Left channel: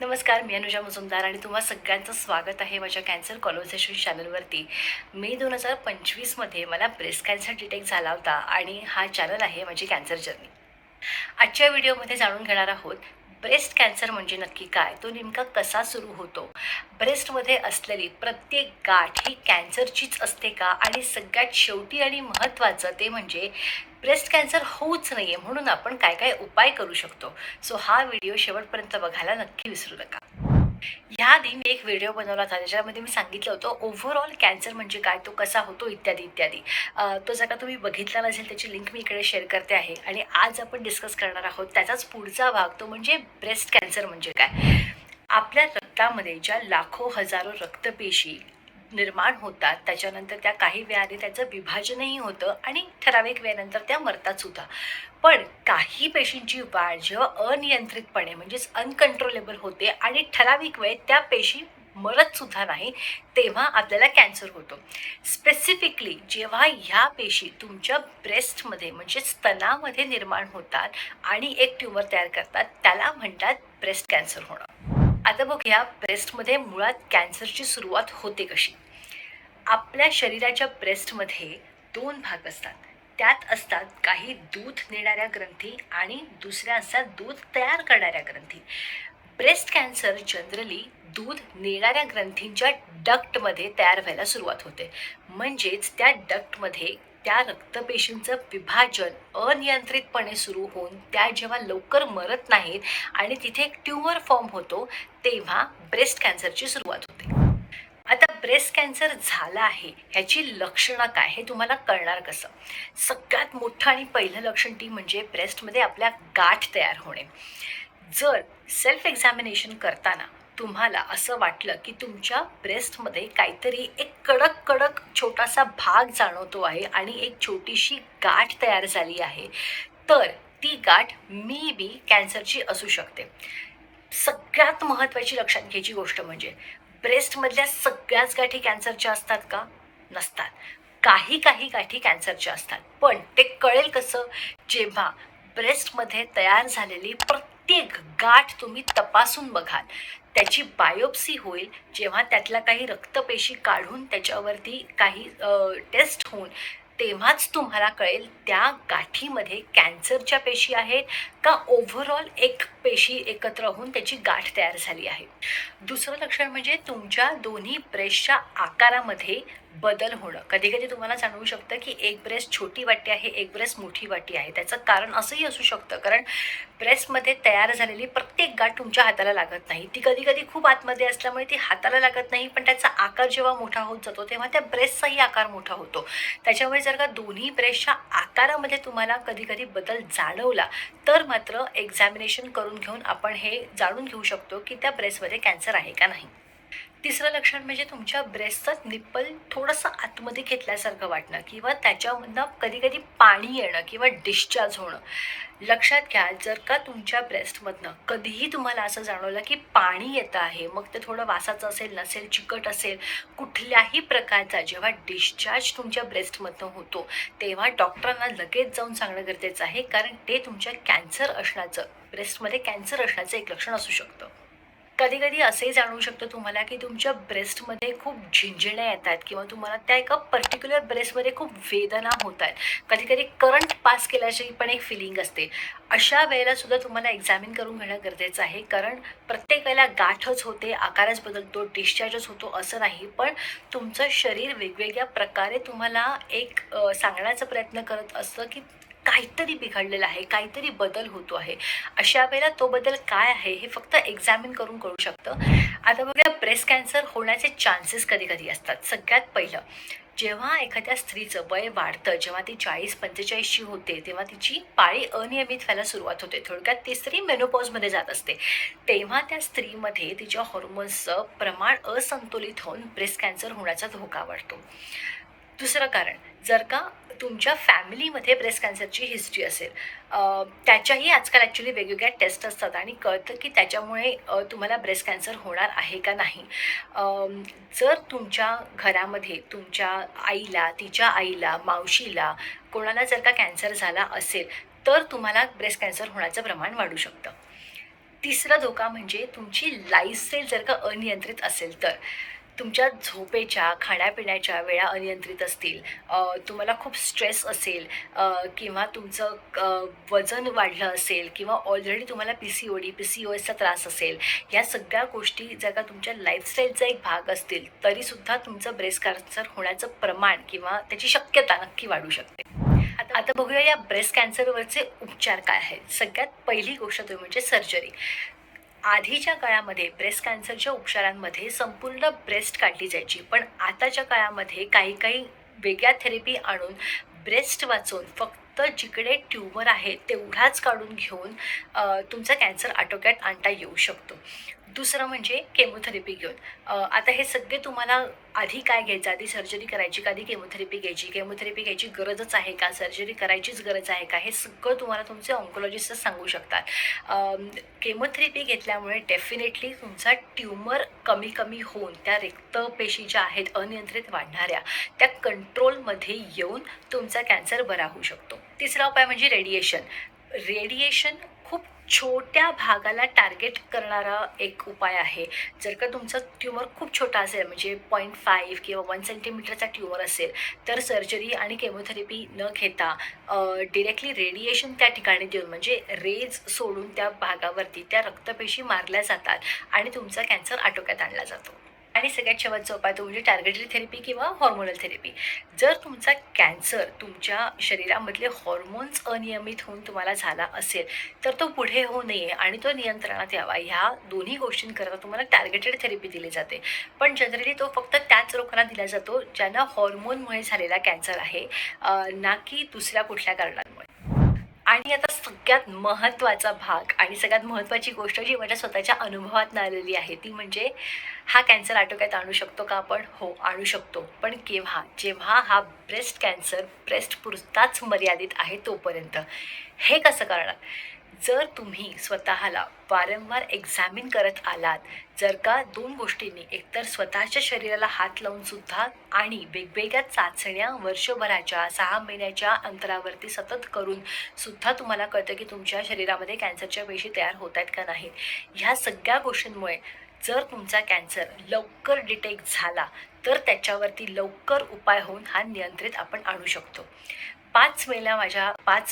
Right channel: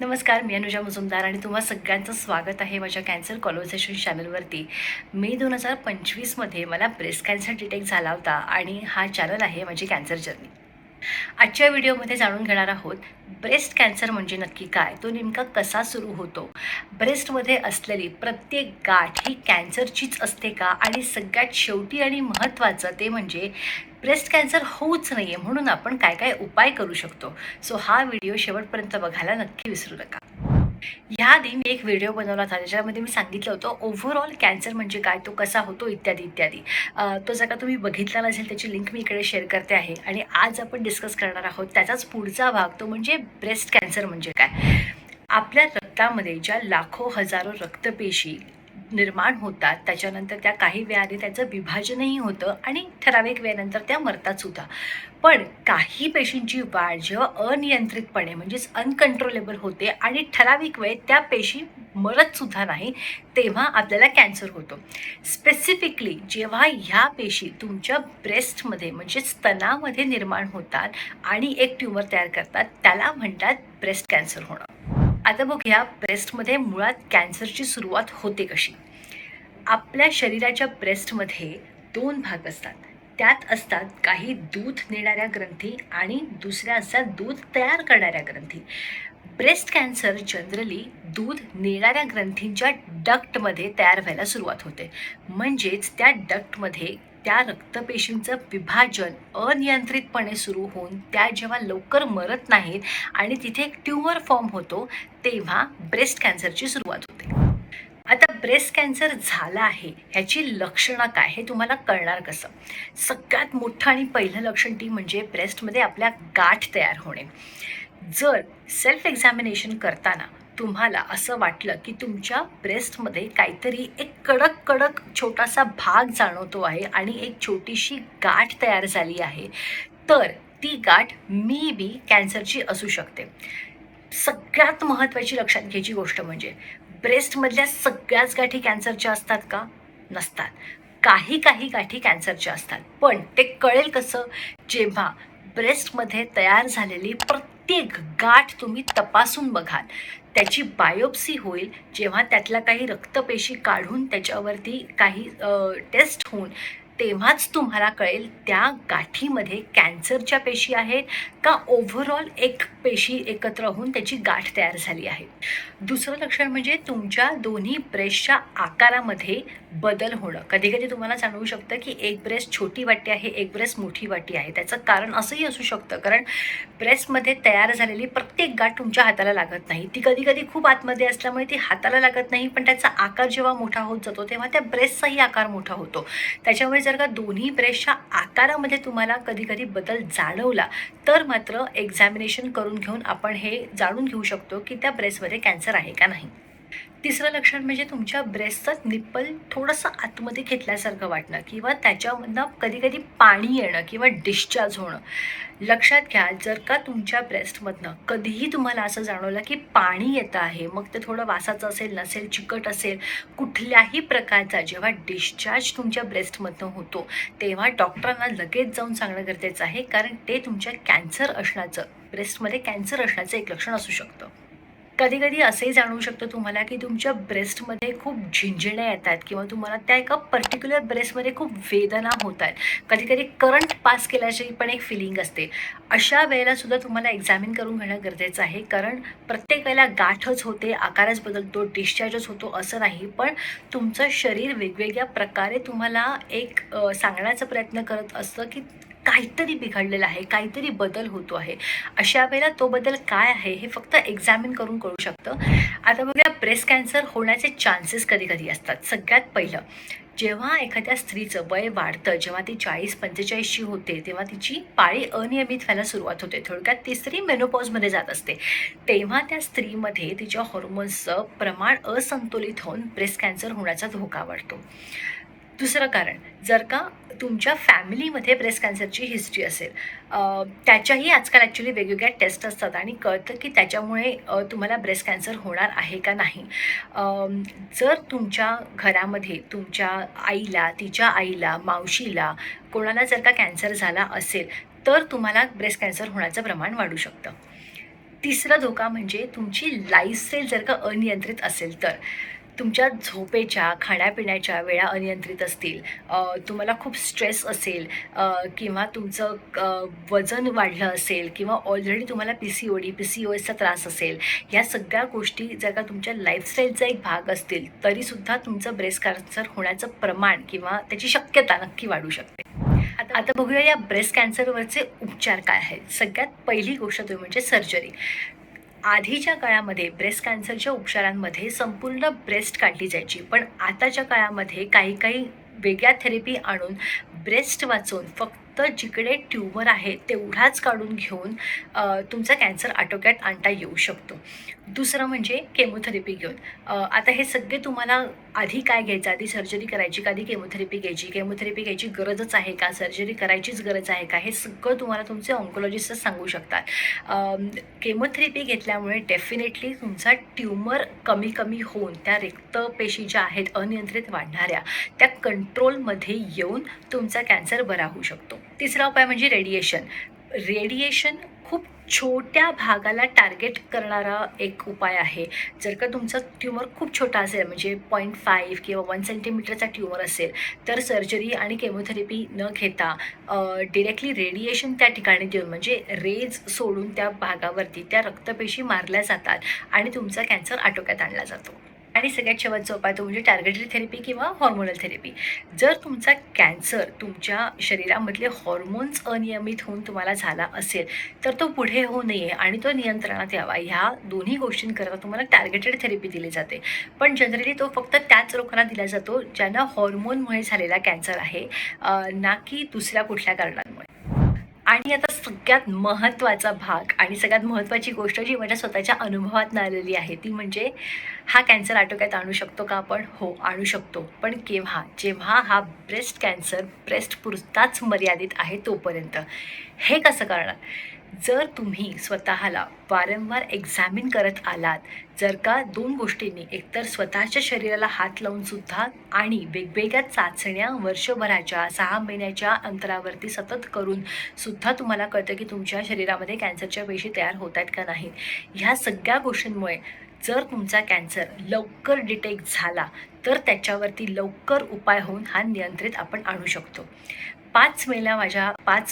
नमस्कार, मी अनुजा मुजुमदार आणि तुम्हा सगळ्यांचं स्वागत आहे माझ्या कॅन्सर कॉन्व्हर्सेशन चॅनलवरती. मे 2025मध्ये मला ब्रेस्ट कॅन्सर डिटेक्ट झाला होता आणि हा चॅनल आहे माझी कॅन्सर जर्नी. आजच्या व्हिडिओमध्ये जाणून घेणार आहोत ब्रेस्ट कॅन्सर म्हणजे नक्की काय, तो नेमका कसा सुरू होतो, ब्रेस्टमध्ये असलेली प्रत्येक गाठ ही कॅन्सरचीच असते का, आणि सगळ्यात शेवटी आणि महत्त्वाचं ते म्हणजे ब्रेस्ट कॅन्सर होऊच नाही आहे म्हणून आपण काय काय उपाय करू शकतो. सो हा व्हिडिओ शेवटपर्यंत बघायला नक्की विसरू नका. ह्याआधी मी एक व्हिडिओ बनवला होता ज्याच्यामध्ये मी सांगितलं होतं ओव्हरऑल कॅन्सर म्हणजे काय, तो कसा होतो इत्यादी इत्यादी. तो जर का तुम्ही बघितला नसेल त्याची लिंक मी इकडे शेअर करते आहे. आणि आज आपण डिस्कस करणार आहोत त्याचाच पुढचा भाग, तो म्हणजे ब्रेस्ट कॅन्सर म्हणजे काय. आपल्या रक्तामध्ये ज्या लाखो हजारो रक्तपेशी निर्माण होतात त्याच्यानंतर त्या काही वेळाने त्याचं विभाजनही होतं आणि ठराविक वेळेनंतर त्या मरतात सुद्धा. पण काही पेशींची वाढ जेव्हा अनियंत्रितपणे म्हणजेच अनकंट्रोलेबल होते आणि ठराविक वेळेत त्या पेशी मरत सुद्धा नाही, तेव्हा आपल्याला कॅन्सर होतो. स्पेसिफिकली जेव्हा ह्या पेशी तुमच्या ब्रेस्टमध्ये म्हणजे स्तनामध्ये निर्माण होतात आणि एक ट्यूमर तयार करतात, त्याला म्हणतात ब्रेस्ट कॅन्सर होणं. आता बघूया ब्रेस्टमध्ये मुळात कॅन्सरची सुरुवात होते कशी. आपल्या शरीराच्या ब्रेस्टमध्ये दोन भाग असतात. त्यात असतात काही दूध नेणाऱ्या ग्रंथी आणि दुसऱ्या असतात दूध तयार करणाऱ्या ग्रंथी. ब्रेस्ट कॅन्सर जनरली दूध नेणाऱ्या ग्रंथींच्या डक्टमध्ये तयार व्हायला सुरुवात होते. म्हणजेच त्या डक्टमध्ये त्या रक्तपेशींचं विभाजन अनियंत्रितपणे सुरू होऊन त्या जेव्हा लवकर मरत नाहीत आणि तिथे एक ट्यूमर फॉर्म होतो, तेव्हा ब्रेस्ट कॅन्सरची सुरुवात होते. आता ब्रेस्ट कॅन्सर झाला आहे ह्याची लक्षणं काय हे तुम्हाला कळणार कसं. सगळ्यात मोठं आणि पहिलं लक्षण ती म्हणजे ब्रेस्टमध्ये आपल्या गाठ तयार होणे. जर सेल्फ एक्झामिनेशन करताना तुम्हाला असं वाटलं की तुमच्या ब्रेस्टमध्ये काहीतरी एक कडक कडक छोटासा भाग जाणवतो आहे आणि एक छोटीशी गाठ तयार झाली आहे, तर ती गाठ मे बी कॅन्सरची असू शकते. सगळ्यात महत्त्वाची लक्षात घ्यायची गोष्ट म्हणजे ब्रेस्टमधल्या सगळ्याच गाठी कॅन्सरच्या असतात का? नसतात. काही काही गाठी कॅन्सरच्या असतात. पण ते कळेल कसं? जेव्हा ब्रेस्टमध्ये तयार झालेली प्रत्येक गाठ तुम्ही तपासून बघाल, त्याची बायोप्सी होईल, जेव्हा त्यातल्या काही रक्तपेशी काढून त्याच्यावरती काही टेस्ट होऊन तेव्हाच तुम्हाला कळेल त्या गाठीमध्ये कॅन्सरच्या पेशी आहेत का ओव्हरऑल एक पेशी एकत्र होऊन त्याची गाठ तयार झाली आहे. दुसरं लक्षण म्हणजे तुमच्या दोन्ही ब्रेस्टच्या आकारामध्ये बदल होणं. कधी कधी तुम्हाला जाणवू शकतं की एक ब्रेस्ट छोटी वाटते आहे, एक ब्रेस्ट मोठी वाटते आहे. त्याचं कारण असंही असू शकतं कारण ब्रेस्टमध्ये तयार झालेली प्रत्येक गाठ तुमच्या हाताला लागत नाही. ती कधी कधी खूप आतमध्ये असल्यामुळे ती हाताला लागत नाही, पण त्याचा आकार जेव्हा मोठा होत जातो तेव्हा त्या ब्रेस्टचाही आकार मोठा होतो. त्याच्यामुळे जर का दोन्ही ब्रेस्टच्या आकारामध्ये तुम्हाला कधी कधी बदल जाणवला तर मात्र एक्झामिनेशन करून घेऊन आपण हे जाणून घेऊ शकतो की त्या ब्रेस्टमध्ये कॅन्सर आहे का नाही. तिसरं लक्षण म्हणजे तुमच्या ब्रेस्टचं निप्पल थोडंसं आतमध्ये घेतल्यासारखं वाटणं किंवा त्याच्यामधनं कधी कधी पाणी येणं किंवा डिस्चार्ज होणं. लक्षात घ्या, जर का तुमच्या ब्रेस्टमधनं कधीही तुम्हाला असं जाणवलं की पाणी येतं आहे, मग ते थोडं वासाचं असेल, नसेल, चिकट असेल, कुठल्याही प्रकारचा जेव्हा डिस्चार्ज तुमच्या ब्रेस्टमधनं होतो तेव्हा डॉक्टरांना लगेच जाऊन सांगणं गरजेचं आहे, कारण ते तुमच्या कॅन्सर असण्याचं, ब्रेस्टमध्ये कॅन्सर असण्याचं एक लक्षण असू शकतं. कधी कधी असंही जाणवू शकतं तुम्हाला की तुमच्या ब्रेस्टमध्ये खूप झिंजण्या येतात किंवा तुम्हाला त्या एका पर्टिक्युलर ब्रेस्टमध्ये खूप वेदना होत आहेत. कधी कधी करंट पास केल्याची पण एक फिलिंग असते. अशा वेळेला सुद्धा तुम्हाला एक्झामिन करून घेणं गरजेचं आहे, कारण प्रत्येक वेळेला गाठच होते, आकारच बदलतो, डिस्चार्जच होतो असं नाही, पण तुमचं शरीर वेगवेगळ्या प्रकारे तुम्हाला एक सांगण्याचा प्रयत्न करत असतं की काहीतरी बिघडलेलं आहे, काहीतरी बदल होतो आहे. अशा वेळेला तो बदल काय आहे हे फक्त एक्झामिन करून कळू शकतं. आता बघूया ब्रेस्ट कॅन्सर होण्याचे चान्सेस कधी कधी असतात. सगळ्यात पहिलं, जेव्हा एखाद्या स्त्रीचं वय वाढतं, जेव्हा ती 40-45ची होते तेव्हा तिची पाळी अनियमित व्हायला सुरुवात होते, थोडक्यात ती स्त्री मेनोपॉजमध्ये जात असते, तेव्हा त्या स्त्रीमध्ये तिच्या हॉर्मोन्सचं प्रमाण असंतुलित होऊन ब्रेस्ट कॅन्सर होण्याचा धोका वाढतो. दुसरं कारण, जर का तुमच्या फॅमिलीमध्ये ब्रेस्ट कॅन्सरची हिस्ट्री असेल, त्याच्याही आजकाल ॲक्च्युली वेगवेगळ्या टेस्ट असतात आणि कळतं की त्याच्यामुळे तुम्हाला ब्रेस्ट कॅन्सर होणार आहे का नाही. जर तुमच्या घरामध्ये तुमच्या आईला, तिच्या आईला, मावशीला कोणाला जर का कॅन्सर झाला असेल तर तुम्हाला ब्रेस्ट कॅन्सर होण्याचं प्रमाण वाढू शकतं. तिसरा धोका म्हणजे तुमची लाईफस्टाईल जर का अनियंत्रित असेल तर. तुमच्या झोपेच्या, खाण्यापिण्याच्या वेळा अनियंत्रित असतील, तुम्हाला खूप स्ट्रेस असेल, किंवा तुमचं वजन वाढलं असेल किंवा ऑलरेडी तुम्हाला PCOSचा त्रास असेल, या सगळ्या गोष्टी जर का तुमच्या लाईफस्टाईलचा एक भाग असतील, तरीसुद्धा तुमचं ब्रेस्ट कॅन्सर होण्याचं प्रमाण किंवा त्याची शक्यता नक्की वाढू शकते. आता बघूया या ब्रेस्ट कॅन्सरवरचे उपचार काय आहेत. सगळ्यात पहिली गोष्ट तुम्ही म्हणजे सर्जरी. आधीच्या काळामध्ये ब्रेस्ट कॅन्सरच्या उपचारांमध्ये संपूर्ण ब्रेस्ट काढली जायची, पण आताच्या काळामध्ये काही काही वेगळ्या थेरपी आणून ब्रेस्ट वाचवून फक्त जिकडे ट्यूमर आहे तेवढाच काढून घेऊन तुमचा कॅन्सर आटोक्यात आणता येऊ शकतो. दुसरं म्हणजे केमोथेरपी घेऊन. आता हे सगळे तुम्हाला आधी काय घ्यायचं, आधी सर्जरी करायची का, आधी केमोथेरपी घ्यायची गरजच आहे का, सर्जरी करायचीच गरज आहे का, हे सगळं तुम्हाला तुमचे ऑन्कोलॉजिस्टच सांगू शकतात. केमोथेरपी घेतल्यामुळे डेफिनेटली तुमचा ट्यूमर कमी होऊन त्या रक्तपेशी ज्या आहेत अनियंत्रित वाढणाऱ्या, त्या कंट्रोलमध्ये येऊन तुमचा कॅन्सर बरा होऊ शकतो. तिसरा उपाय म्हणजे रेडिएशन खूप छोट्या भागाला टार्गेट करणारा एक उपाय आहे. जर का तुमचा ट्यूमर खूप छोटा असेल, म्हणजे 0.5 किंवा 1 सेंटीमीटरचा ट्यूमर असेल, तर सर्जरी आणि केमोथेरपी न घेता डिरेक्टली रेडिएशन त्या ठिकाणी देऊन, म्हणजे रेज सोडून त्या भागावरती त्या रक्तपेशी मारल्या जातात आणि तुमचा कॅन्सर आटोक्यात आणला जातो. आणि सगळ्यात शेवटचा उपाय तो म्हणजे टार्गेटेड थेरपी किंवा हॉर्मोनल थेरपी. जर तुमचा कॅन्सर तुमच्या शरीरामधले हॉर्मोन्स अनियमित होऊन तुम्हाला झाला असेल, तर तो पुढे होऊ नये आणि तो नियंत्रणात यावा, ह्या दोन्ही गोष्टींकरता तुम्हाला टार्गेटेड थेरपी दिली जाते. पण जनरली तो फक्त त्याच लोकांना दिला जातो ज्यांना हॉर्मोनमुळे झालेला कॅन्सर आहे, ना की दुसऱ्या कुठल्या कारणांमुळे. आणि आता सगळ्यात महत्त्वाचा भाग आणि सगळ्यात महत्त्वाची गोष्ट जी माझ्या स्वतःच्या अनुभवातून आलेली आहे, ती म्हणजे हा कॅन्सर आटोक्यात आणू शकतो का आपण? हो, आणू शकतो. पण केव्हा? जेव्हा हा ब्रेस्ट कॅन्सर ब्रेस्टपुरताच मर्यादित आहे तोपर्यंत. हे कसं करणार? जर तुम्ही स्वतःला वारंवार एक्झामिन करत आलात, जर का दोन गोष्टींनी, एकतर स्वतःच्या शरीराला हात लावून सुद्धा आणि वेगवेगळ्या चाचण्या वर्षभराच्या 6 महिन्याच्या अंतरावरती सतत करून सुद्धा तुम्हाला कळतं की तुमच्या शरीरामध्ये कॅन्सरच्या पेशी तयार होत आहेत का नाहीत, ह्या सगळ्या गोष्टींमुळे जर तुमचा कॅन्सर लवकर डिटेक्ट झाला तर त्याच्यावरती लवकर उपाय होऊन हा नियंत्रित आपण आणू शकतो. 5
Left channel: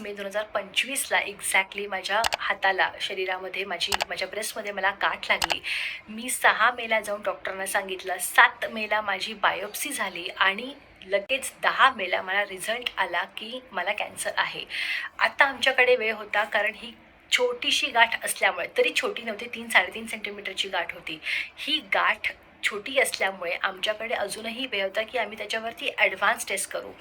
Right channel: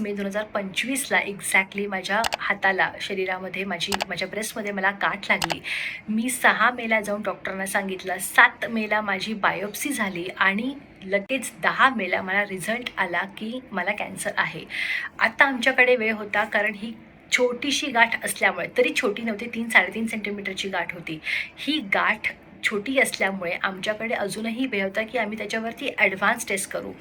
मे 2025ला एक्झॅक्टली माझ्या हाताला, शरीरामध्ये माझ्या ब्रेस्टमध्ये मला गाठ लागली. मी 6 मेला जाऊन डॉक्टरांना सांगितलं, 7 मेला माझी बायोप्सी झाली आणि लगेच 10 मेला मला रिझल्ट आला की मला कॅन्सर आहे. आता आमच्याकडे वेळ होता, कारण ही छोटीशी गाठ असल्यामुळे, तरी छोटी नव्हती, 3-3.5 सेंटीमीटरची गाठ होती. ही गाठ छोटी असल्यामुळे आमच्याकडे अजूनही वेळ होता की आम्ही त्याच्यावरती ॲडव्हान्स टेस्ट करू.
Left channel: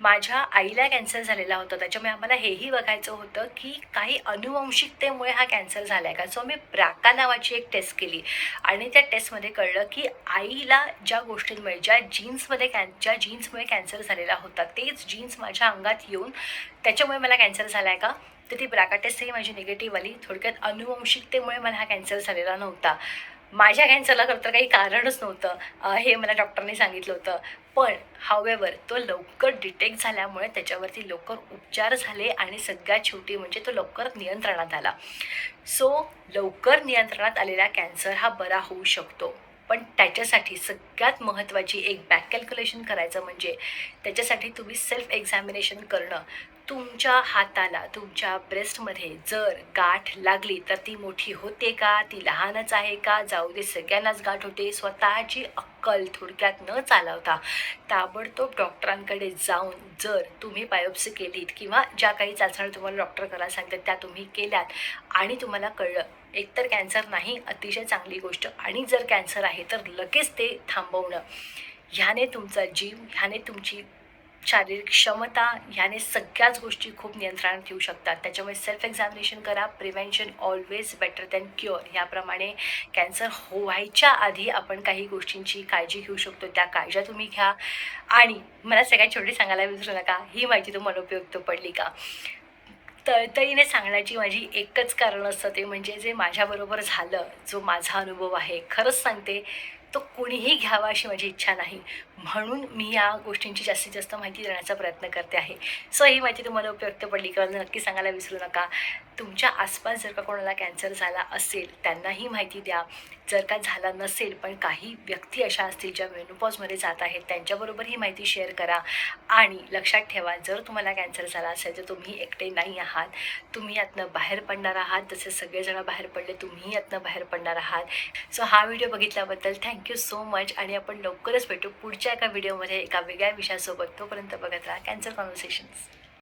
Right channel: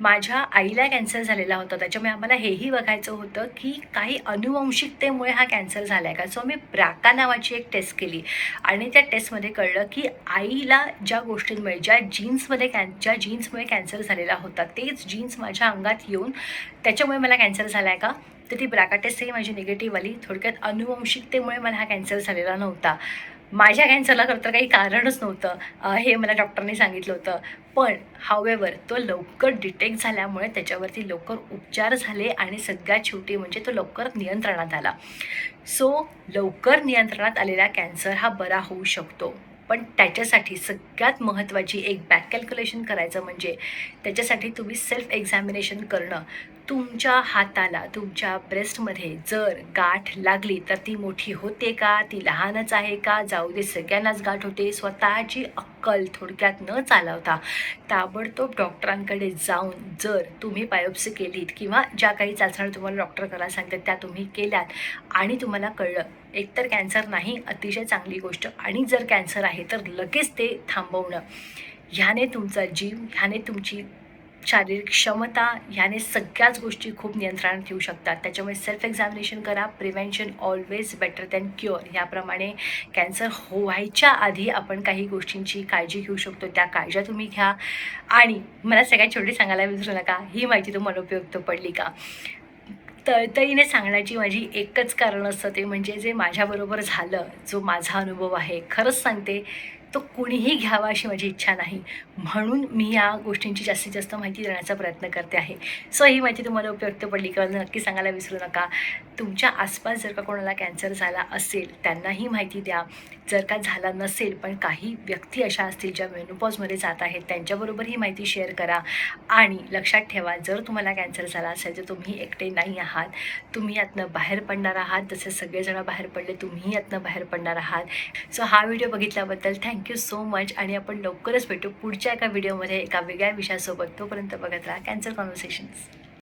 माझ्या आईला कॅन्सर झालेला होता, त्याच्यामुळे आम्हाला हेही बघायचं होतं की काही अनुवंशिकतेमुळे हा कॅन्सर झाला आहे का. सो आम्ही ब्राका नावाची एक टेस्ट केली आणि त्या टेस्टमध्ये कळलं की आईला ज्या गोष्टींमुळे, ज्या जीन्समुळे कॅन्सर झालेला होता, तेच जीन्स माझ्या अंगात येऊन त्याच्यामुळे मला कॅन्सर झाला आहे का. तर ती ब्राका टेस्टही माझी निगेटिव्ह आली. थोडक्यात अनुवंशिकतेमुळे मला हा कॅन्सर झालेला नव्हता. माझ्या कॅन्सरला खरं तर काही कारणच नव्हतं, हे मला डॉक्टरने सांगितलं होतं. पण हावेवर तो लवकर डिटेक्ट झाल्यामुळे त्याच्यावरती लवकर उपचार झाले आणि सगळ्यात शेवटी म्हणजे तो लवकर नियंत्रणात आला. सो लवकर नियंत्रणात आलेला कॅन्सर हा बरा होऊ शकतो. पण त्याच्यासाठी सगळ्यात महत्त्वाची एक बॅक कॅल्क्युलेशन करायचं म्हणजे त्याच्यासाठी तुम्ही सेल्फ एक्झामिनेशन करणं. तुमच्या हाताला, तुमच्या ब्रेस्टमध्ये जर गाठ लागली तर ती मोठी होते का, ती लहानच आहे का, जाऊ दे सगळ्यांनाच गाठ होते, स्वतःची अक्कल थोडक्यात न चालवता ताबडतोब डॉक्टरांकडे जाऊन जर तुम्ही बायोप्सी केलीत किंवा ज्या काही चाचण्या तुम्हाला डॉक्टर करायला सांगतात त्या तुम्ही केल्यात आणि तुम्हाला कळलं एकतर कॅन्सर नाही, अतिशय चांगली गोष्ट, आणि जर कॅन्सर आहे तर लगेच ते थांबवणं, ह्याने तुमचा जीव, ह्याने तुमची शारीरिक क्षमता, ह्याने सगळ्याच गोष्टी खूप नियंत्रणात येऊ शकतात. त्याच्यामुळे सेल्फ एक्झामिनेशन करा. Prevention always better than cure. ह्याप्रमाणे कॅन्सर व्हायच्या आधी आपण काही गोष्टींची काळजी घेऊ शकतो, त्या काळज्या तुम्ही घ्या. आणि मला सगळ्यात शेवटी सांगायला विसरू नका, ही माहिती तुम्हाला उपयुक्त पडली का. तळतळीने सांगण्याची माझी एकच कारण असतं, ते म्हणजे जे माझ्याबरोबर झालं, जो माझा अनुभव आहे, खरंच सांगते तो कुणीही घ्यावा अशी माझी इच्छा नाही, म्हणून मी या गोष्टींची जास्तीत जास्त माहिती देण्याचा प्रयत्न करते आहे. सो ही माहिती तुम्हाला उपयुक्त पडली का नक्की सांगायला विसरू नका. तुमच्या आसपास जर का कोणाला कॅन्सर झाला असेल त्यांनाही माहिती द्या. जर का झाला नसेल पण काही व्यक्ती अशा असतील ज्या मेनोपॉजमध्ये जात आहेत त्यांच्याबरोबर ही माहिती शेअर करा. आणि लक्षात ठेवा, जर तुम्हाला कॅन्सर झाला असेल तर तुम्ही एकटे नाही आहात. तुम्ही यातनं बाहेर पडणार आहात. जसे सगळेजण बाहेर पडले तुम्ही यातनं बाहेर पडणार आहात. सो हा व्हिडिओ बघितल्याबद्दल थँक्यू सो मच. आणि आपण लवकरच भेटू पुढच्या एका व्हिडिओमध्ये एका वेगळ्या विषयासोबत. तोपर्यंत बघत राहा कॅन्सर कॉन्व्हर्सेशन्स.